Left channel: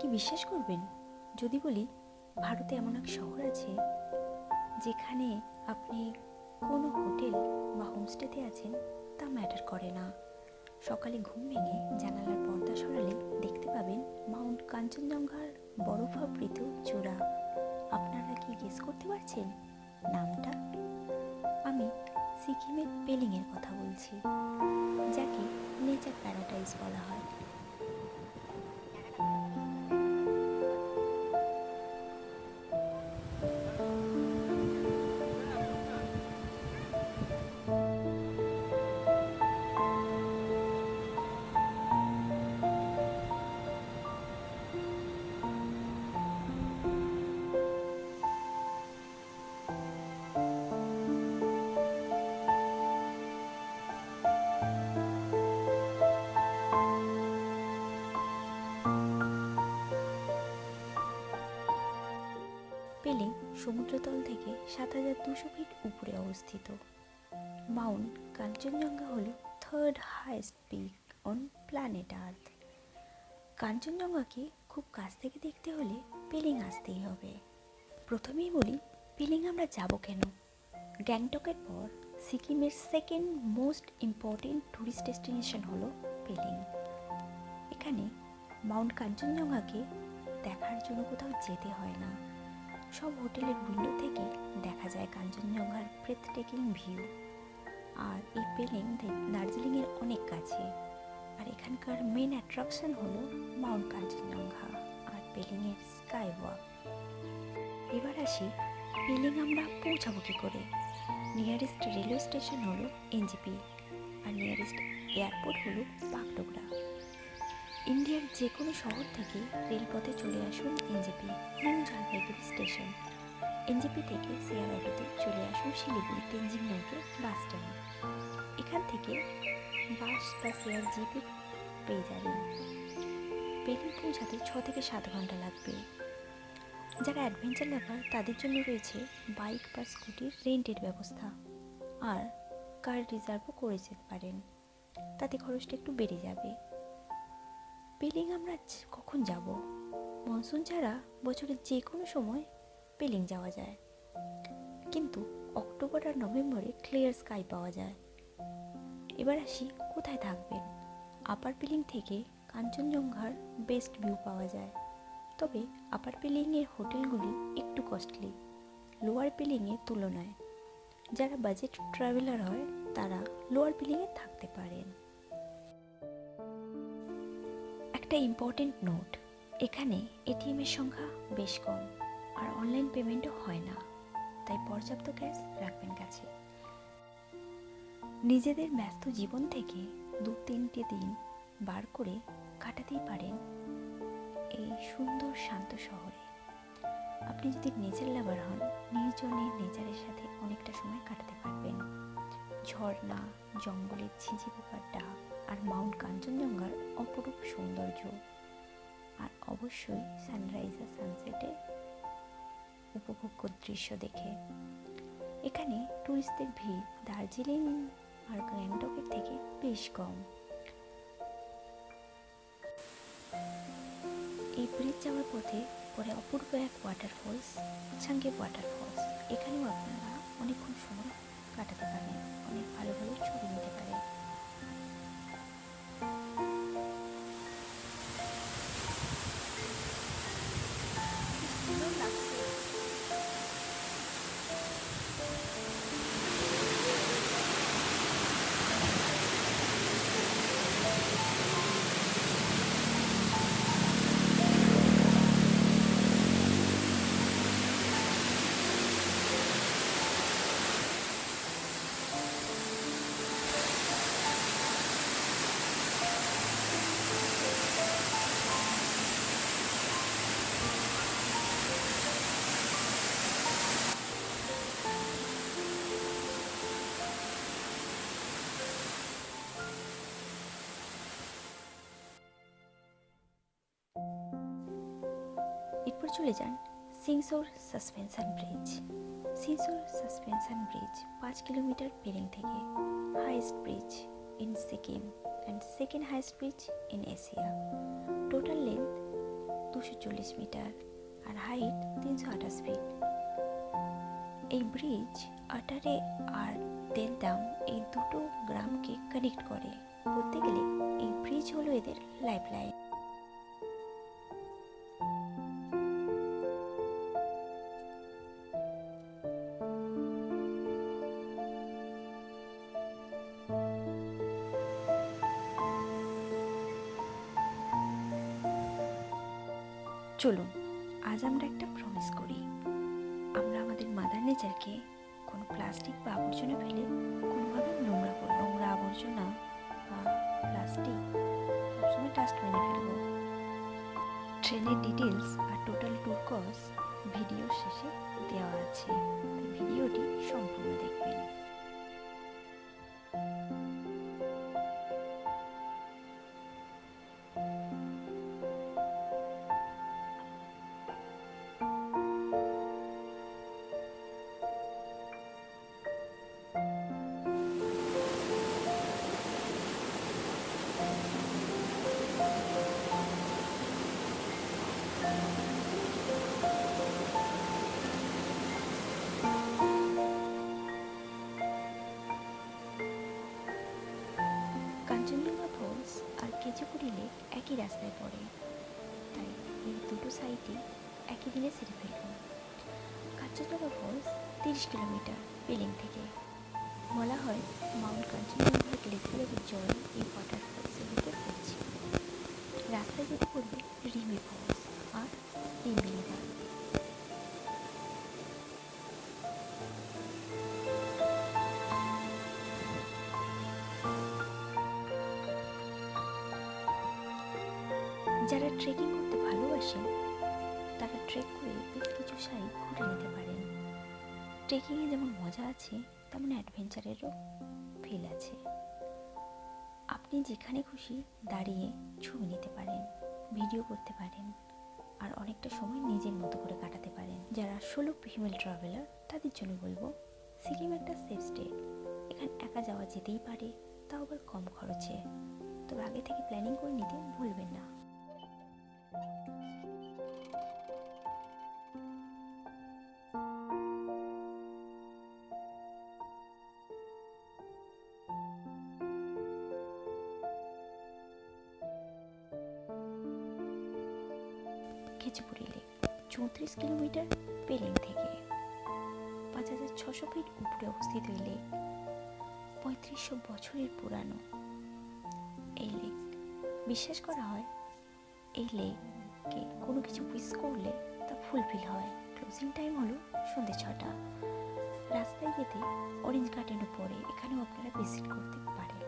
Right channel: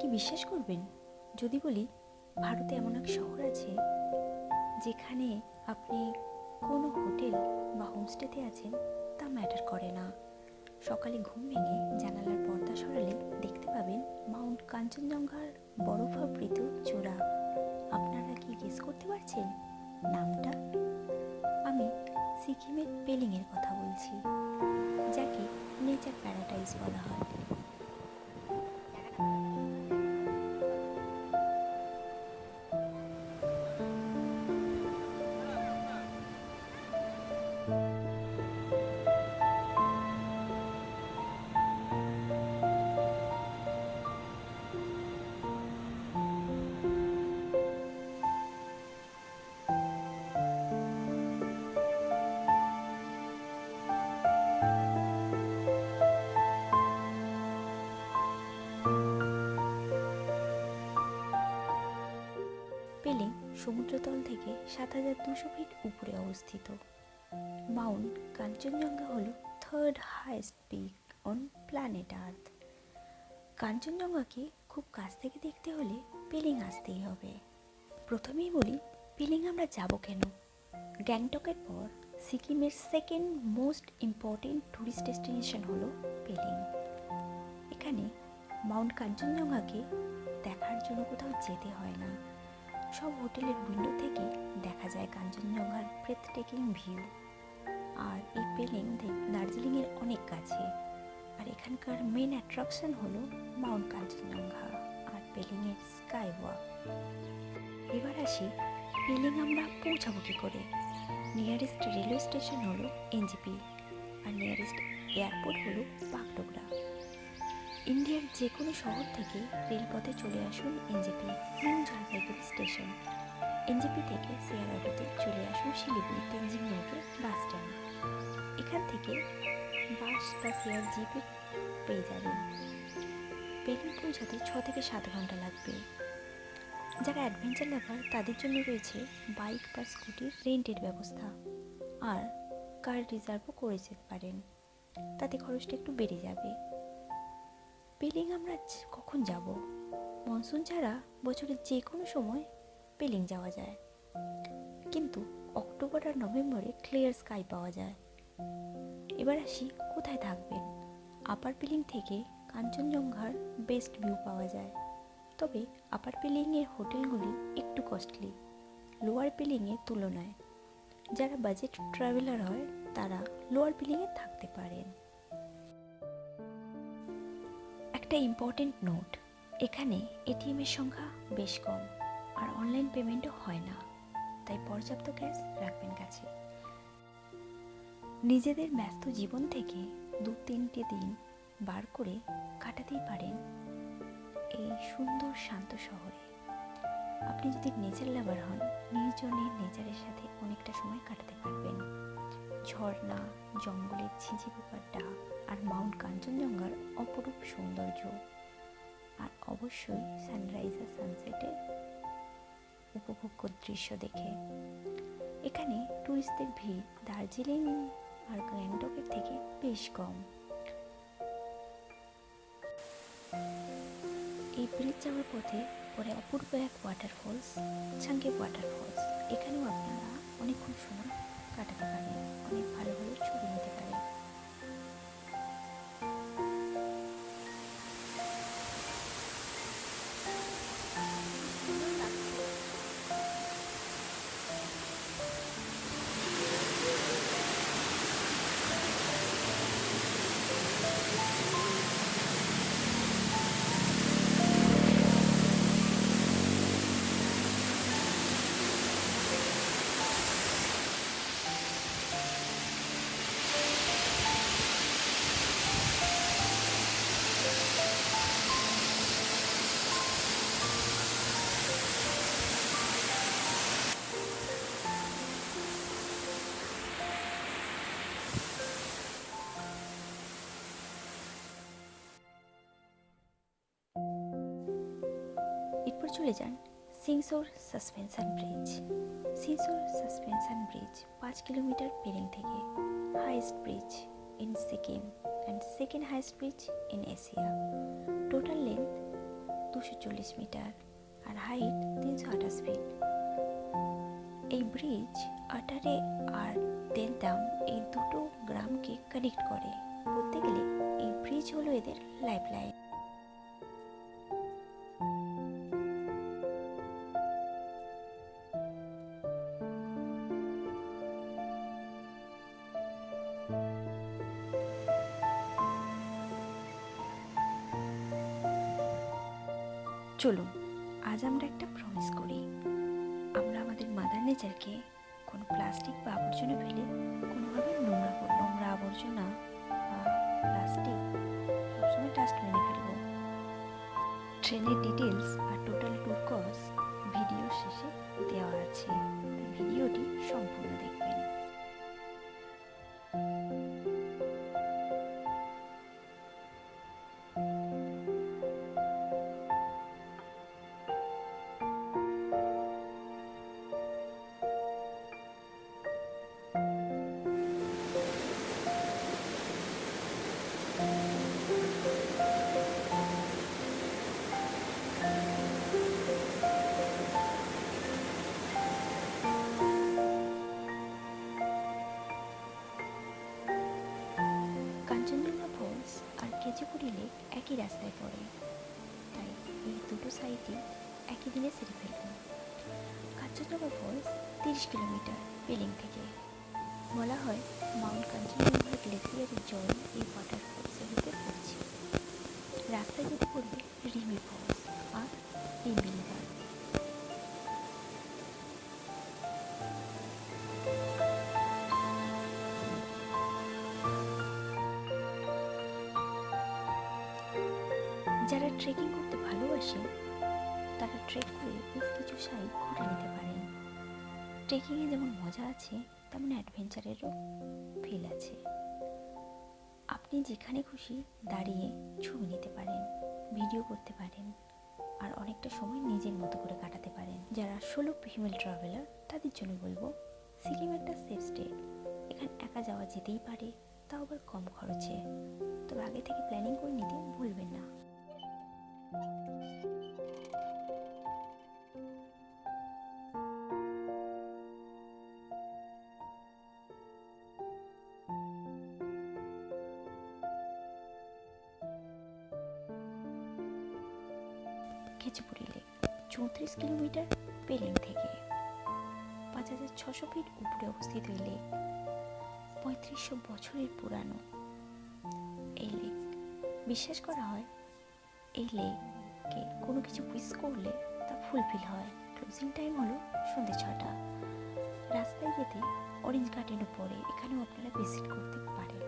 কি বিশ্বাস করবেন যদি বলি ভারতে এমন এক শহর আছে যেখানে আপনি কোনো হোটেল বা হোমস্টেতে আছেন তা ম্যাটার করে না। সকালে ঘুম ভেঙে জানালার পর্দা সরালে দেখতে পাবেন মাউন্ট কাঞ্চনজঙ্ঘার বরফাবৃত চূড়া। আপনারা কি গেস করতে পারছেন নামটা? আমি সিকিমের পেলিংয়ের কথা বলছি, যাকে নেচার প্যারাডাইস বলা হয়। পেলিং সমুদ্রতল থেকে ৭,২০০ ফিট উপরে অবস্থিত। মাউন্ট কাঞ্চনজঙ্ঘা হল third highest peak on planet Earth. কাঞ্চনজঙ্ঘাকে খুব কাছ থেকে দেখতে হলে পেলিং আসতেই হবে। প্রথমেই বলি পেলিং আমরা যাব কেন। গ্যাংটকের পর সিকিমের second most important tourist destination হলো পেলিং। এখানে মাউন্ট কাঞ্চনজঙ্ঘাকে দেখার জন্য কোথাও যেতে হয় না। সব হোটেলের উইন্ডো থেকে দেখা যায় কাঞ্চনজঙ্ঘার ব্রেথটেকিং ভিউ। আর এই পেলিং দার্জিলিংয়ের অনেক কাছে। আর এখানকার মেন অ্যাট্রাকশন হলো মাউন্ট কাঞ্চনজঙ্ঘা আর পেলিংয়ের স্কাই ওয়াক। এবার আসি পেলিং আমরা পৌঁছাবো কী করে। নিয়ারেস্ট রেলওয়ে স্টেশন হলো এনজেপি আর নিয়ারেস্ট এয়ারপোর্ট হলো বাগডোগরা। ইন্ডিয়ার যে কোনো শহর থেকে রেলপথে চলে আসুন NJP new Jalpaiguri station. NJP থেকে শেয়ার অটোতে চলে আসুন শিলিগুড়ি তেনজিং নৌকে বাস স্ট্যান্ড। এখান থেকে বাস বা শেয়ার জিপে পেয়ে যাবেন। পেলিং পৌঁছাতে 6 থেকে 7 ঘন্টা লাগবে। যারা অ্যাডভেঞ্চার লাভার তাদের জন্য রয়েছে বাইক বা স্কুটির রেন্টের ব্যবস্থা, আর কার রিজার্ভও করে যেতে পারেন, তাতে খরচটা একটু বেড়ে যাবে। পেলিং আমরা কখন যাব? মনসুন ছাড়া বছরের যে কোনো সময় পেলিং যাওয়া যায়, কিন্তু অক্টোবর আর নভেম্বরে ক্লিয়ার স্কাই পাওয়া যায়। এবার আসি কোথায় থাকবেন। আপার পেলিং থেকে কাঞ্চনজঙ্ঘার বেস্ট ভিউ পাওয়া যায়, তবে আপার পেলিংয়ের হোটেলগুলি একটু কস্টলি লোয়ার পেলিংয়ের তুলনায়। যারা বাজেট ট্রাভেলার হয় তারা লোয়ার পেলিংয়ে থাকতে পারেন। একটা ইম্পর্টেন্ট নোট, এখানে এটিএমের সংখ্যা বেশ কম আর অনলাইন পেমেন্টও হয় না, তাই পর্যাপ্ত ক্যাশ রাখবেন কাছে। নিজেদের ব্যস্ত জীবন থেকে 2-3টে দিন বার করে কাটাতেই পারেন এই সুন্দর শান্ত শহরে। আপনি যদি নেচার লাভার হন, নির্জনে নেচারের সাথে অনেকটা সময় কাটাতে পারবেন। ঝর্ণা, জঙ্গলের ঝিঁঝি পোকার ডাক আর মাউন্ট কাঞ্চনজঙ্ঘার অপরূপ সৌন্দর্য, আর অবশ্যই সানরাইজ আর সানসেটের উপভোগ্য দৃশ্য দেখে। এখানে ট্যুরিস্টদের ভিড় দার্জিলিং আর গ্যাংটকের থেকে বেশ কম। এই ব্রিজ যাওয়ার পথে পরে অপূর্ব এক ওয়াটারফলস, ছাঙ্গে ওয়াটারফলস। এখানেও আপনারা অনেকক্ষণ সময় কাটাতে পারেন, অনেক ভালো ভালো ছবি নিতে পারেন। এরপর চলে যান Singshore suspension bridge. Singshore suspension bridge 5 kilometre Pelling থেকে, highest bridge in Sikkim and second highest bridge in Asia. Total length 240 metre R height 328 fit. এই ব্রিজ আটারে আর দেলদাম এই দুটো গ্রামকে কানেক্ট করে। বলতে গেলে এই ব্রিজ হলো এদের লাইফলাইন। চলুন আজ আমরা একটা প্রমিস করি, আমরা আমাদের মাদার নেচারকে কোনো প্লাস্টিক বা আবর্জনা ফেলে কোনোভাবে নোংরা আবর্জনা বা প্লাস্টিক সবসময় ডাস্টবিনে ফেলবো। ট্রেনের ডিটেলস আর টোটাল ট্যুর কস্ট ভিডিও শেষে দেওয়া আছে, তাই ভিডিওটি সম্পূর্ণ দেখবেন। কাঞ্চনজঙ্ঘা ফলস আর কেচিপুড়ি লেক একই রাস্তায় পড়ে, তাই এই দুটো সাইটই একই দিনে সেরে ফেলুন। কাঞ্চনজঙ্ঘা ফলস 30 কিলোমিটার পেলিং থেকে। বলা হয় মাউন্ট কাঞ্চনজঙ্ঘার গ্লেসিয়ারের জল এই ওয়াটারফলসের ভিতরে পড়ছে। রাস্তায় যেতে পড়বে রিমি ফলস আর রিমি রিভার। যারা ট্রেকিং করতে ভালোবাসেন তারা ট্রেক করে বেশ কিছু সাইট ঘুরে নিতে পারেন। ট্রেকিংয়ে যেমন মজা আছে তেমন অ্যাডভেঞ্চারেরও ফিল আছে। আপনি যেখানে খুশি দাঁড়িয়ে ছবি নিতে পারেন, ভিডিও করতে পারেন আর অনেকটা সময় নিজের মতো করে কাটাতে পারেন। যারা সোলো ফিমেল ট্রাভেলার তাদের জন্য বলবো সিকিম একটা সেফ স্টেট। এখানে একা যাওয়া যেতেই পারে, তাও আবার কম খরচে। তবে আগে থেকে প্ল্যানিং করে নিতে ভুলবেন না। কেচিপুড়ি লেক 34 কিলোমিটার পেলিং থেকে। 5600 ফিট উপরে অবস্থিত এই লেক 3500 বছরের পুরানো। এই লেক বিশ্বাস করা হয় এই লেকে কোনো কিছু উইশ করলে তা ফুলফিল হয়। ক্লোজিং টাইম হলো সন্ধ্যে 6টা। রাস্তায় যেতে অরেঞ্জ গার্ডেনও পড়ে, এখানেও আপনারা ভিজিট করতে পারেন।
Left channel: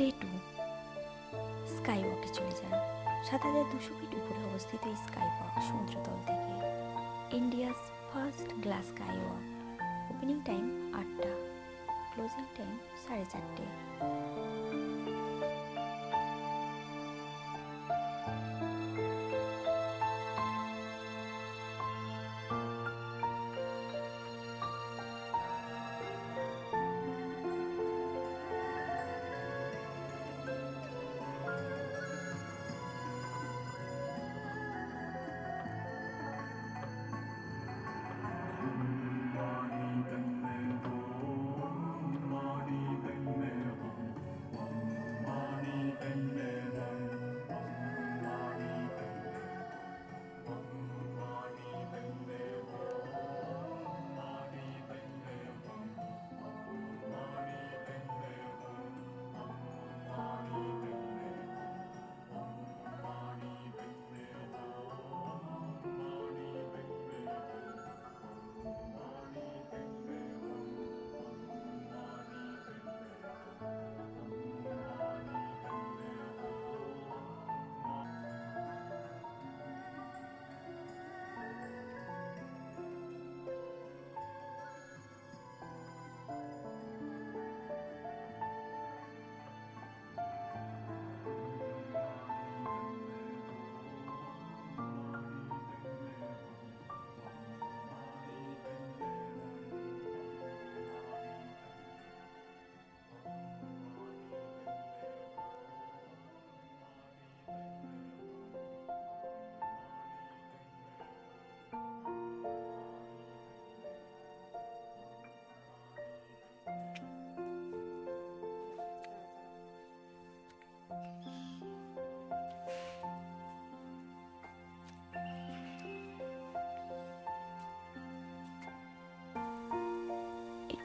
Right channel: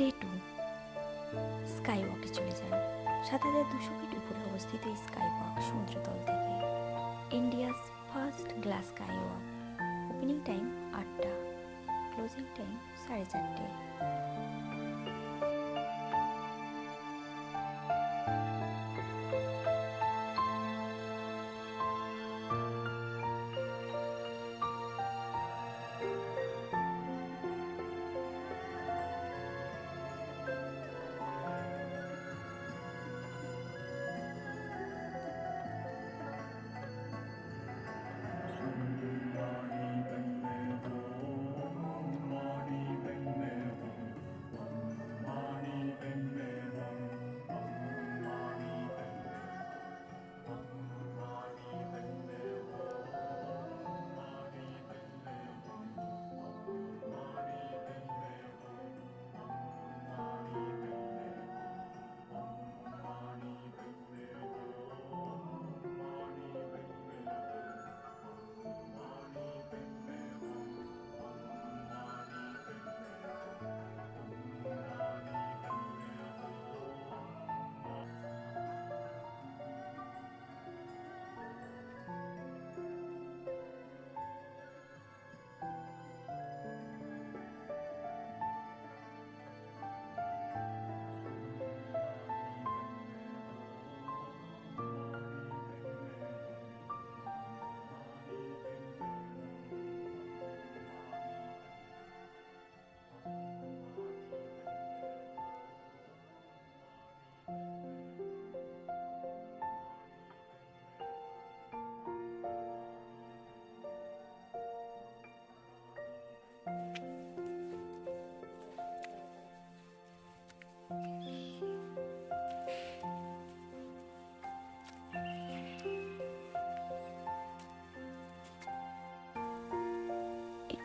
ডে 2 স্কাই ওয়াকে চলে যান। 7200 ফিট উপরে অবস্থিত এই স্কাই ওয়াক সমুদ্রতল থেকে India's first glass sky walk. Opening time 8টা, ক্লোজিং টাইম 4:30।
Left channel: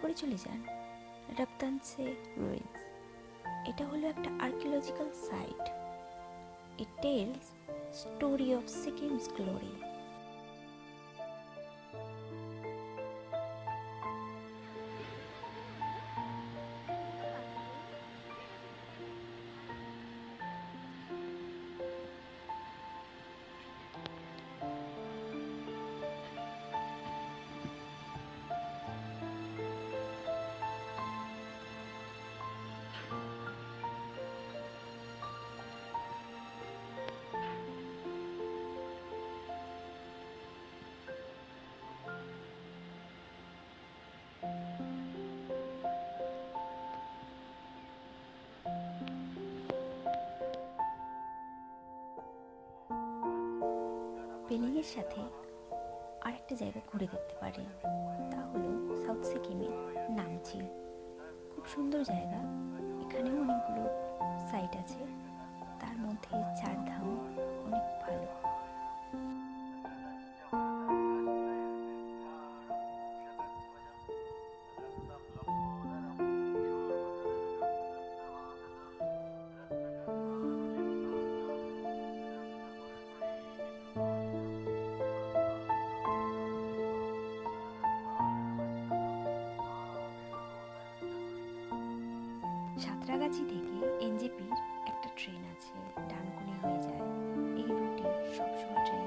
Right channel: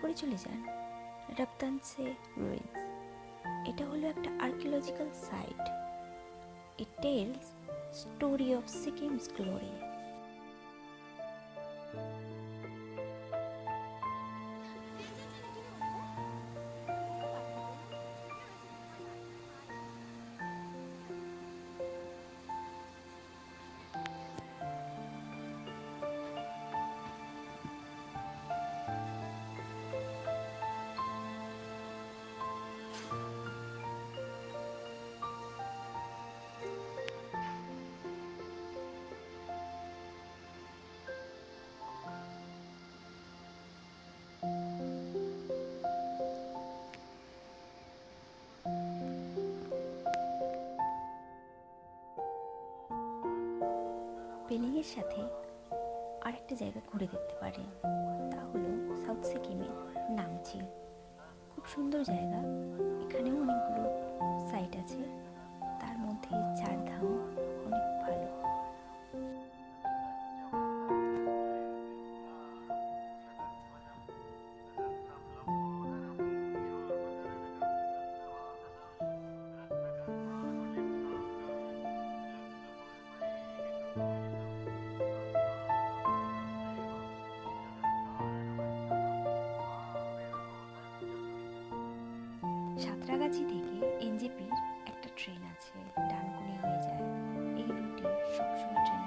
এরপরে চলে যান রপ্তানসে রুইন্স। এটা হলো একটা archaeological site. It tells story of Sikkim's glory. পেলিংয়ের সাথে আরেকটা জায়গা ঘুরে দেখতে পারেন, তা হলো সাউথ সিকিমের নামচিল। খুব সুন্দর জায়গা। এখানেও অনেকগুলো সাইট আছে, তার মধ্যে চারধাম অনেক ভালো। সাঁতরাগাছি থেকে এনজেপির একটা ট্রেন আছে, ডানকুনি হয়ে যায়। এই রুটে সবসময় ট্রেন